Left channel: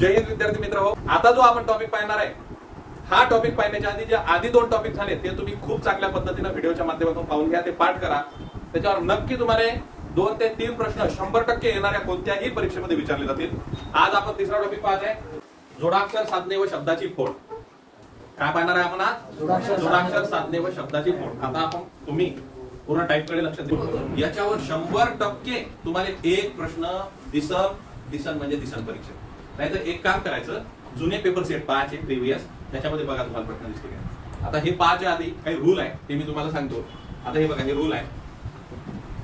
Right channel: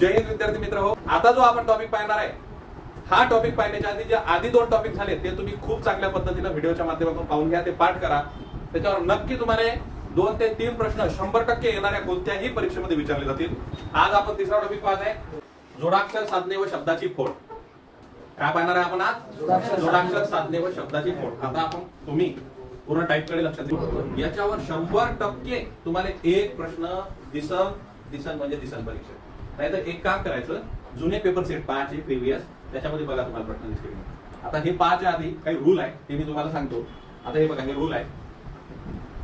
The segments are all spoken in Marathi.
जय हिंद विद्यार्थी मित्र हो. आता जो आपण टॉपिक पाहणार आहे हा टॉपिक पाहण्याच्या आधी जे आधी 2 टॉपिक झाले ते तुम्ही खूप चांगल्या पद्धतीने व्हिडिओच्या माध्यमातून पाहून घ्या, ते पाठ करा. त्याच्यावर नक्की तुम्हाला 2 ते 3 प्रश्न 100% येणाऱ्या कोणत्याही परीक्षेमध्ये विचारले जातील. आज आपण तिसरा टॉपिक पाहत आहे जोडाक्षर साधने व शब्दाची फोड. काय पाहणार आहे आपण आज? जोडाक्षर साधने व शब्दाची फोड. आता आपण तुम्ही पूर्ण टाईप कडे लक्ष देऊ. याच्यावर 100% तुम्हाला एक प्रश्न दिसन म्हणजे दिसन परीक्षेत. नाहीतर एक काम करायचं, जुने पेपर सेट पाहायचे प्रिव्हियस, त्याच्यामध्ये बघा तुम्हाला प्रश्न दिसतील. आता हे पाहायच्या आधी काही रूल आहे ते मी तुम्हाला सांगतो. आता हे बघा, हे रूल आहे.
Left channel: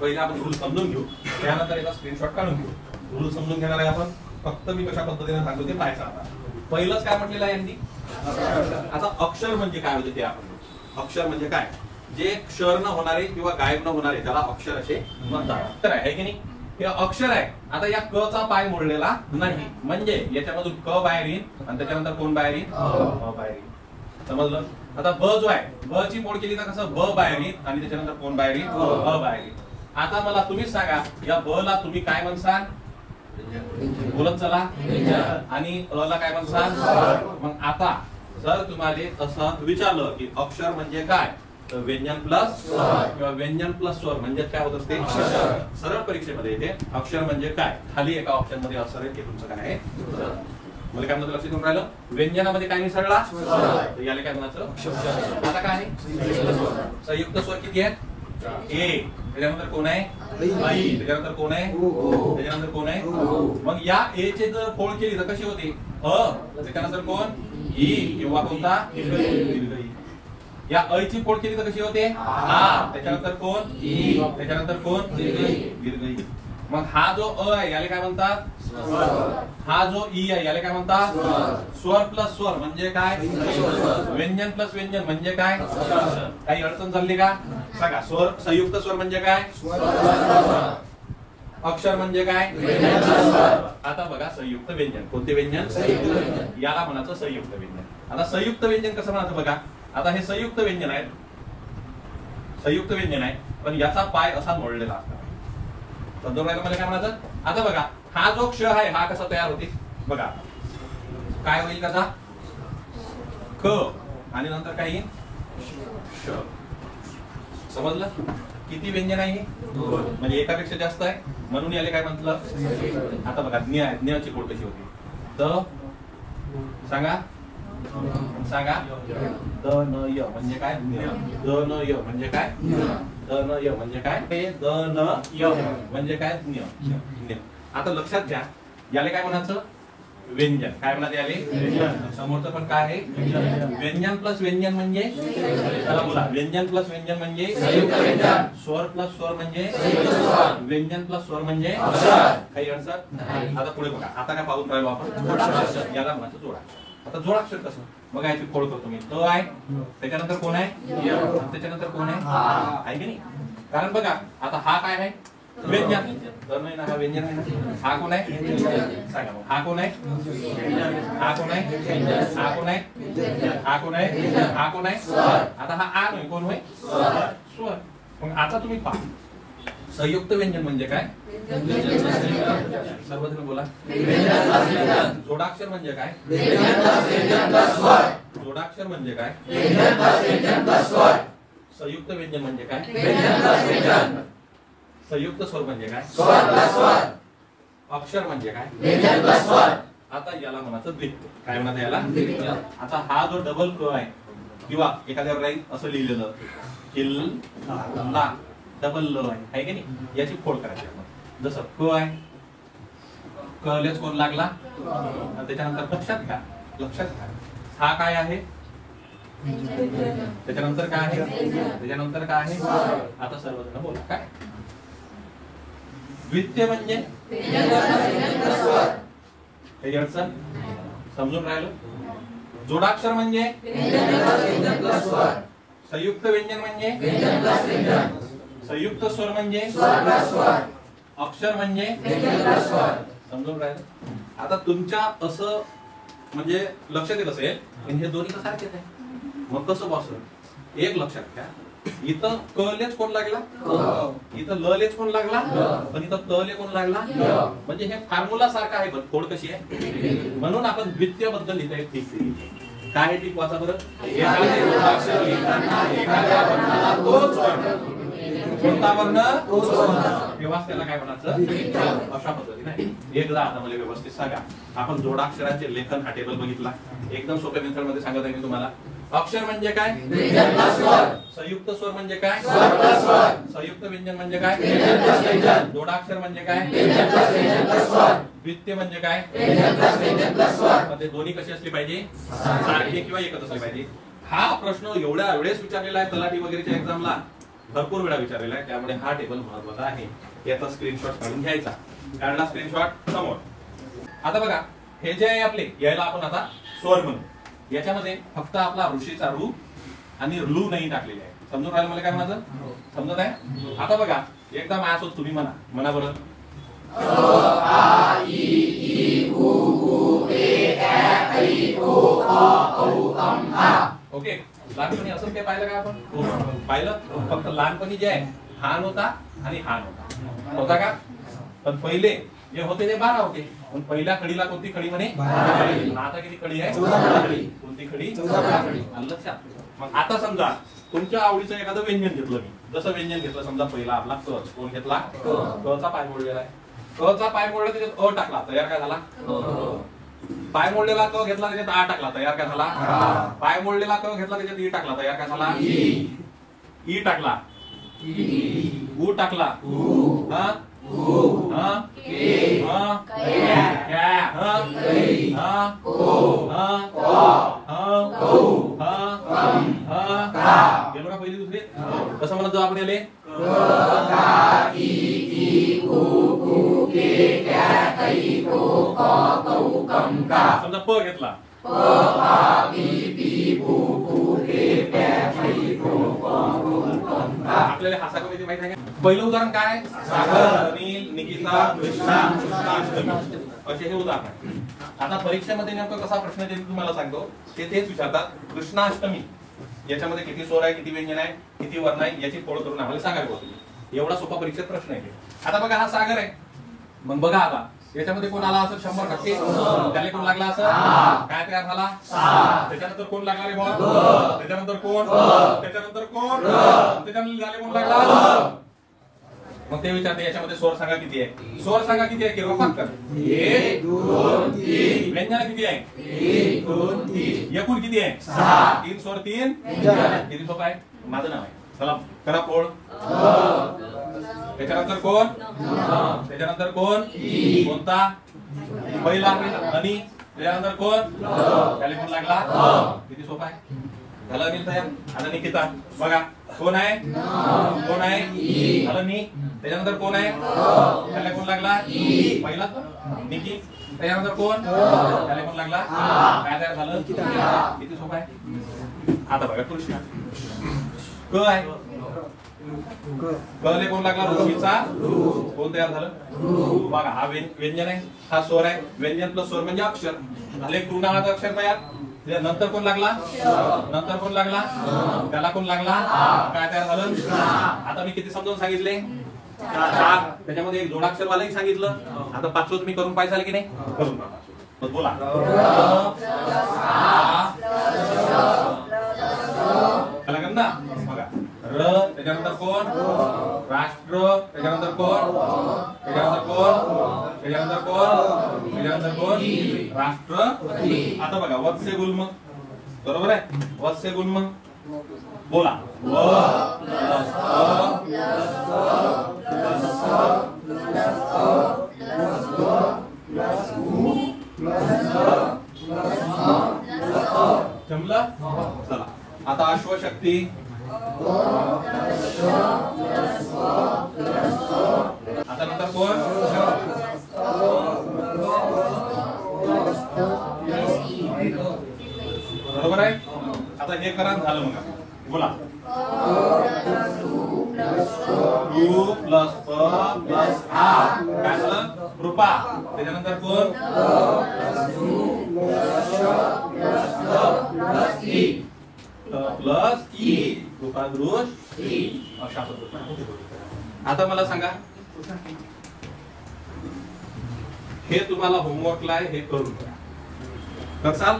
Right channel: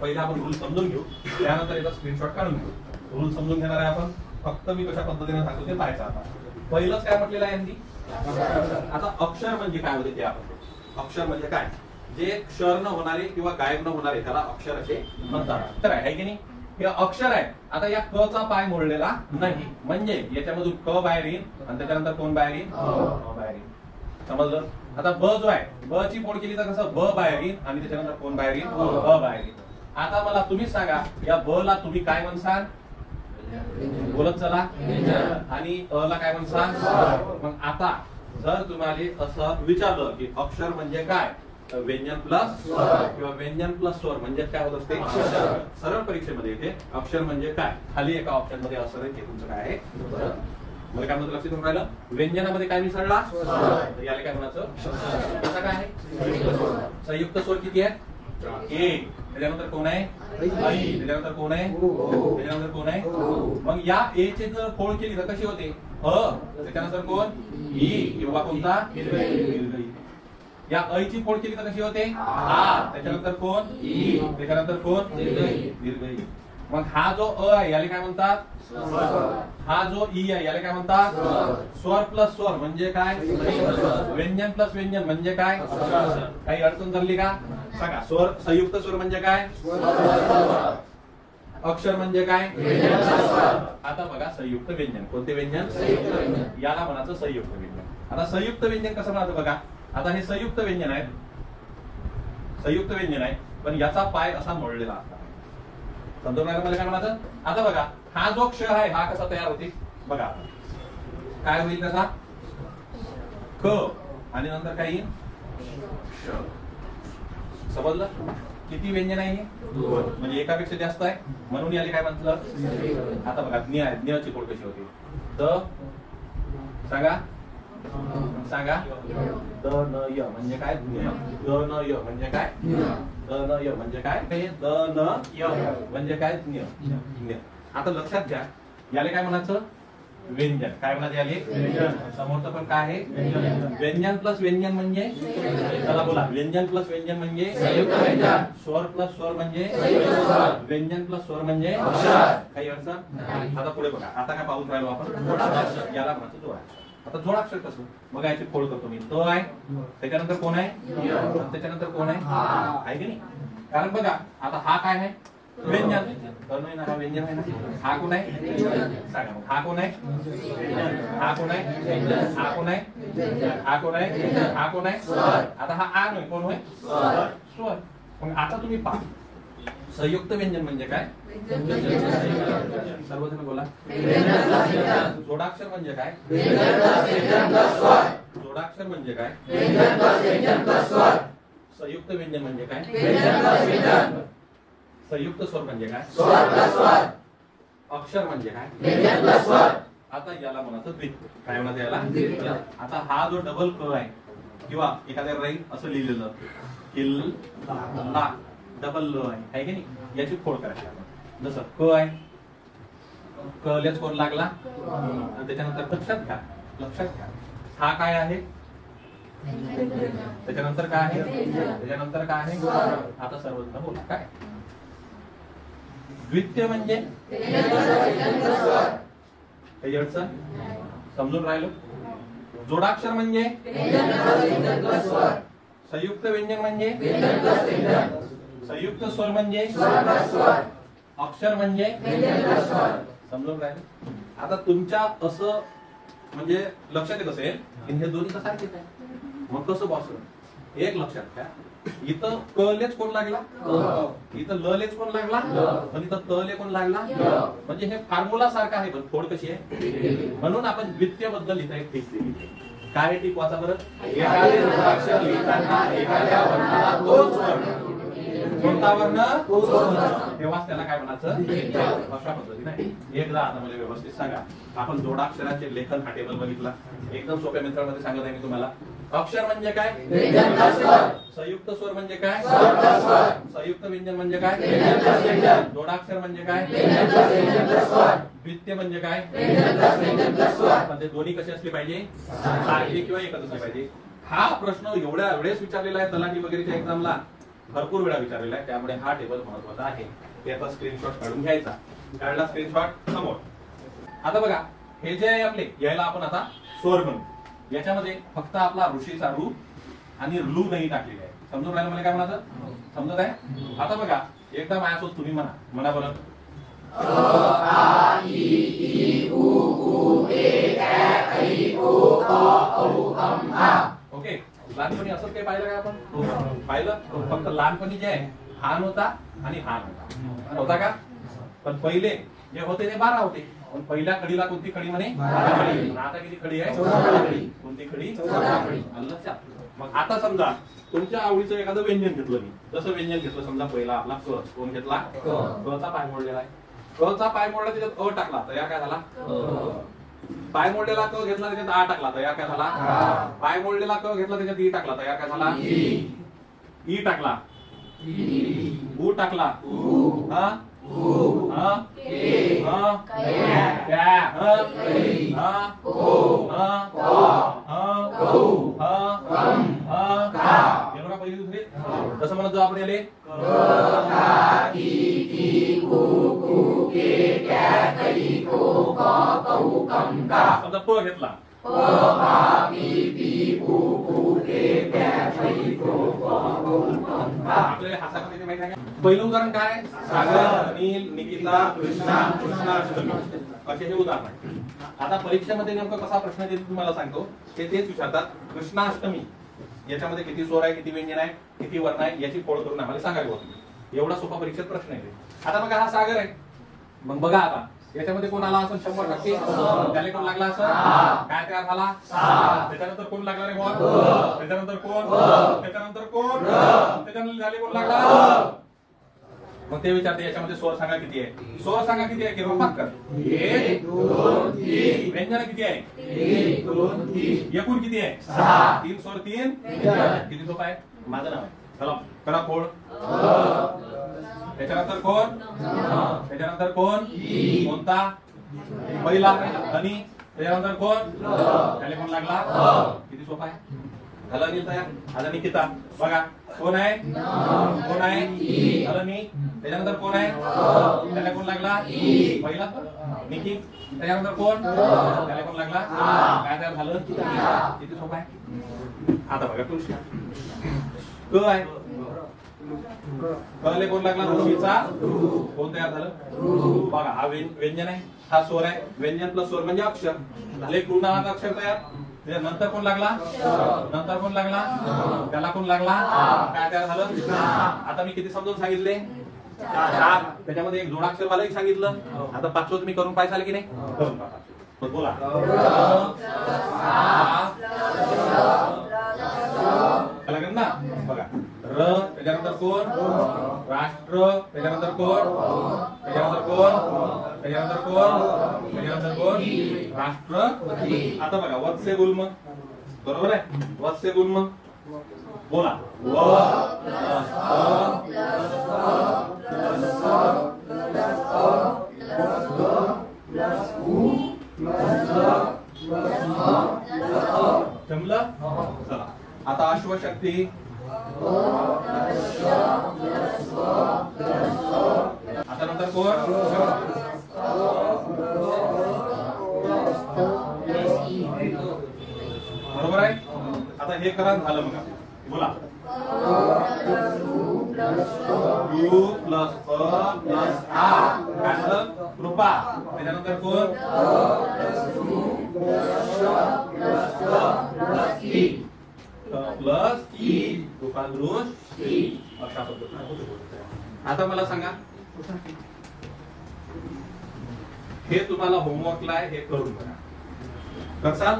पहिला आपण रूल समजून घेऊ, त्यानंतर याचा स्क्रीनशॉट काढून घेऊ. रूल समजून घेणार आहे आपण. फक्त मी कशा पद्धतीने सांगतो ते पाहायचं. आता पहिलंच काय म्हटलेलं आहे यांनी. आता अक्षर म्हणजे काय होते ते आपण. अक्षर म्हणजे काय? जे क्षर न होणारे किंवा गायब न होणारे त्याला अक्षर असे म्हणतात. तर आहे की नाही, हे अक्षर आहे. आता या क चा पाय मोडलेला नाही, म्हणजे याच्यामधून क बाहेर येईल आणि त्याच्यानंतर कोण बाहेर येईल? ब बाहेर येईल. समजलं? आता ब जो आहे, ब ची फोड केली तर कसं ब बाहेर येईल आणि त्याच्यानंतर कोण बाहेर येईल? ब बाहेर येईल. आता मला तुम्ही सांगा, या ब ला तुम्ही काय म्हणसाल? बोलत चला. आणि अ ला काय म्हणसाल? मग आता जर तुम्हाला असं विचारलं की अक्षर म्हणजे काय, तर व्यंजन प्लस किंवा व्यंजन प्लस स्वर म्हणजे काय होत असते? सरळ परीक्षेमध्ये येते अक्षर म्हणजे काय. खाली एका ऑप्शन मध्ये असं आहे, ते तुमचं काय आहे? मला काय म्हणतो लक्षात येऊन राहिलं? व्यंजनामध्ये काय मिसळला? याला काय म्हणायचं? आता काय आहे? संयुक्त स्वर किती आहे? ए. त्याच्यानंतर कोण आहे? आई. त्याच्यानंतर कोण आहे? त्याच्यानंतर कोण आहे? मग या ए चे जर फोड केली तर कशी होते? अ. त्याच्यानंतर कोण? ई किंवा कोणता? या ऐ ची फोड केली तर कशी होते? आ. त्याच्यानंतर कोण? ई. त्याच्यानंतर कोण? दीर्घ. मग हा जो अ आहे याला काय म्हणतात? हा जो ई आहे याला काय म्हणतात? स्वर प्लस स्वर म्हणजे काय? व्यंजन प्लस व्यंजन म्हणजे काय? काही अडचण झाली का? सांगा. स्वर संयुक्त स्वर म्हणजे काय? अक्षर म्हणजे काय? आता बघा, संयुक्त व्यंजन. कोणते व्यंजन? याला म्हणायचं संयुक्त व्यंजन. आता संयुक्त व्यंजन कसं म्हणायचं बघा. आता हे संयुक्त व्यंजन आहे, संयुक्त व्यंजन आहे, पण याचा पाय असा मोडलेला असतो. समजून राहिलं मला काय म्हणायचं? आता बघा, हा जो क्ष आहे हा कसा तयार होते बघा. काय होईल कसा? क आणि नंतर काय येईल? श. समजलं? किती व्यंजन आहे? म्हणजे एकापेक्षा जास्त आहे, म्हणून याला काय म्हटलं? आता बघा, ज्ञ आहे. ज्ञ ची फोड कशी होती? द. सांगा सांगा. द न य म्हणजे काय? द न य म्हणजे काय? द न य म्हणजे काय? द न य म्हणजे काय? ज्ञ. आता लक्षात घ्या, याला काय म्हणायचं? व्यंजन. काय म्हणतात याले? समोरचं पण काय आहे? व्यंजन प्लस व्यंजन म्हणजे? चला बोला. व्यंजन प्लस व्यंजन म्हणजे? स्वर प्लस स्वर म्हणजे? व्यंजन प्लस स्वर म्हणजे? काही अडचण? आता पुढे बघा. आता काय पाहून राहिलो आपण? याला म्हणायचं जोडाक्षर. आता जोडाक्षर कसं बघा, याची फोड करतो मी. द आहे, त्याच्यानंतर कोण आहे? त्याच्यानंतर कोण आहे? आहे की नाही? कारण बघा, आता हा काय आहे? व्यंजन. द नाही ना, हा व्यंजन आहे ना. हा कोण आहे? सांगा. हा कोण आहे? हा कोण आहे? हा कोण आहे? हा कोण आहे? हा कोण आहे? आता हा आ नाही, कोण होय? स्वर. मग आता तुम्ही पहा, संयुक्त व्यंजन म्हणजे काय? सर्वजण बोला. जोडाक्षर म्हणजे काय? जोडाक्षर म्हणजे काय? संयुक्त व्यंजन म्हणजे काय? संयुक्त स्वर म्हणजे काय? अक्षर म्हणजे काय? आता याला म्हणायचं द्वित्व. काय म्हणतात याला? आता हा जो डबल क आहे किंवा एखाद्या राईट असं लिहिलेलं किल ला डबल ल आहे की नाही, याची फोड करायची आपण. जसं क आहे, क लेच कोण लागला आणि त्याच्यानंतर लक्षात घ्या हा काय आहे, त्याच्यानंतर काय आहे, त्याच्यानंतर काय आहे. आता सर्वजण बोला काय द्वित्य म्हणजे? समजून राहिलो. जोडाक्षर म्हणजे? संयुक्त व्यंजन म्हणजे? संयुक्त स्वर म्हणजे? अक्षर म्हणजे? समजून राहिलं. आता तुमच्या असं म्हणजे लक्षात येत असेल हे दोन्ही सारखेच आहे. मग कसं बॉस? एक लक्षात घ्या, इथं कलेच कोण लागला, इथं ललेच कोण लागला, पण इथं तले कोण लागला. म्हणजे हे फॉर्म्युला सारखं आहे, पण फोड कशी आहे. म्हणून आपण द्वितीय बद्दल लिहिता येत ठीक. काय आहे टिक वाचा बरं. एखादे जोडाक्षर लिहिताना एखाद्या वर्णाला तोच वर्ण, कोणता वर्ण तोच वर्ण, तेव्हाच त्याला काय म्हणायचं. अशा पद्धतीने एकदा आता मला व्यवस्थित सांगा. आपण जोडाक्षरांचे लेखन हा टेबल बघितला. एकदम सोप्या मेथड मध्ये सांगत आहे मी तुम्हाला. अक्षर म्हणजे काय, संयुक्त स्वर म्हणजे काय, संयुक्त व्यंजन म्हणजे काय, जोडाक्षर म्हणजे काय, द्वितीय म्हणजे काय. मध्ये दोन्ही कशी असली पाहिजे, सारखी किंवा एकच असली पाहिजे. हा प्रश्न एवढ्या वेळेस विचारलेला आहे तलाठी वगैरेच्या एक्झामला, भरपूर वेळा विचारलेला आहे. त्यामुळे हा टेबल महत्वाचा आहे. याचा स्क्रीनशॉट काढून घ्यायचा. काढला स्क्रीनशॉट समोर. आता बघा हे जे आहे आपले, यायला आपण आता स्वर म्हणू. याच्यामध्ये फक्त आपला ऋषीचा रू आणि लू नाही टाकलेले आहे. समजून राहिलं मला काय म्हणायचं, समजत आहे. आता बघा एकदा माझ्यासोबत तुम्ही म्हणा, म्हणा बरं. ओके. लहानपणी असं काय पाहिलं का आपण, पाहिलं. फक्त लहानपणी जे आहे हान होता आणि हान होता का. पण पहिले जे होते ते 12 होते. पण पहिल्या कडीला कोणती खडी म्हणे, आता किती खडी आहे, कोणती खडी, लक्षात. मग आता समजा तुमच्या आवडीचं एखादं व्यंजन घेतलं मी. जसं व्यंजन घेतलं समजा पहिला आपला क. कोण घेतला, क चा पाय मोडलेला आहे. क चा पाय मोडला त्याच्यात अ टाकला, तयार काय झाला. पाय मोडलेला क घेतला त्याच्यात आ टाकला, तयार काय झाला. पाय मोडलेला क घेतला त्याच्यात ई टाकला, तयार काय झाला. ई टाकला, ऊ टाकला, हा पहिली दुसरी कसं म्हणत जाऊ आपण याले. समजा प घेतला, आपल्याला हा सागर माहिती आहे का. पहिलं उदाहरण काय, सागर, अनिल, निकिता, कृष्णा, असे हे उदाहरण. आता परीक्षेमध्ये नेमकं कसा प्रश्न देतो तुम्हाला सांगतो. ते तेच विचारतात कृष्णाष्टमी याच्यामध्ये किती स्वर आहे, किती व्यंजन आहे, किती वर्ण आहे, याची फोड करून आम्हाला सांगायला होती. एवढा सोपा परीक्षेत प्रश्न आहे. आता बघा हा सागर आहे. मग बघा आता याच्यामध्ये कोण आला असं 100%, त्याला कोण लागला असं काय तयार झाला. त्याच्यानंतर कोण लागणार आहे, कोण, त्याच्यानंतर कोण, त्याच्यानंतर कोण, त्याच्यानंतर झाले कोण लागला. मग ते विचारते याच्यामध्ये स्वर सांगा किती आहे, स्वर सांगा किती आहे. किरण कर 1 2 3. व्यंजन किती आहे 1 2 3. एकूण किती आहे 6. 3 स्वर 3 किती सोपा आहे. माझं नाव आहे. चला करा फोड. त्याच्यानंतर कोण, त्याच्यानंतर कोण, कोणता पहिला आणि त्याच्यानंतर कोण, त्याला कोण लागला. किती सोपा आहे. झालं अनिल तयार. आता निकिता बघा कोण आहे, कोण आहे, झालं नी. त्याच्यानंतर कोण आहे, त्याला कोण लागला पहिला निकी. त्याच्यानंतर कोण, त्याला कोण लागला काय तयार झालं. किती सोपा आहे. आता बघा कृष्ण क आहे. कले कोण लागला, ऋषीचा कोण तयार झालं. बघा हा व्यंजन आहे, हा स्वर आहे. व्यंजन प्लस स्वर म्हणजे अक्षर. झाले कृ नावाचा अक्षर तयार. नंतर कोण लागला, नंतर कोण लागला, त्याला कोण लागला काय तयार झालं. आता मी किती समजून सांगितले 4. त्याच्यामध्ये एक जोडाक्षर वालाही सांगितलं. आता 5वं तुम्ही करून पाहिजे की नाही, करून पाहा. बोला ना. बघा र, त्याच्यानंतर कोण, राष्ट्र, त्याच्यानंतर कोण, त्याच्यानंतर कोण, त्याच्यानंतर कोण, त्याच्यानंतर कोण, राष्ट्र. आता बघा वत्स्य गुल्म, बरोबर आहे. वत्स्य गुल्म बोला. व प्लस जमलं. चला आता अश्वशक्ती. आता नंतर कोण, बरोबर आहे. आता हे करा झालं. मग बोला यू प्लस प प्लस आ काय झालं कृपा. त्याच्यानंतर कोण, प्लस ई कृपा दृश. आता मला सांगा, हे तुम्हाला होमवर्कला आहे, हे करून करा. करसाल?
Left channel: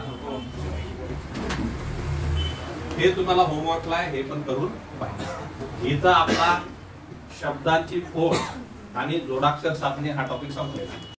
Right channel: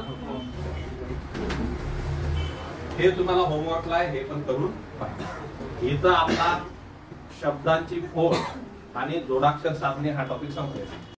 हे तुम्हाला होमवर्कला आहे, हे पण करून पाहिजे. इथं आपला शब्दांची फोड आणि जोडाक्षर साधने हा टॉपिक संपलेला.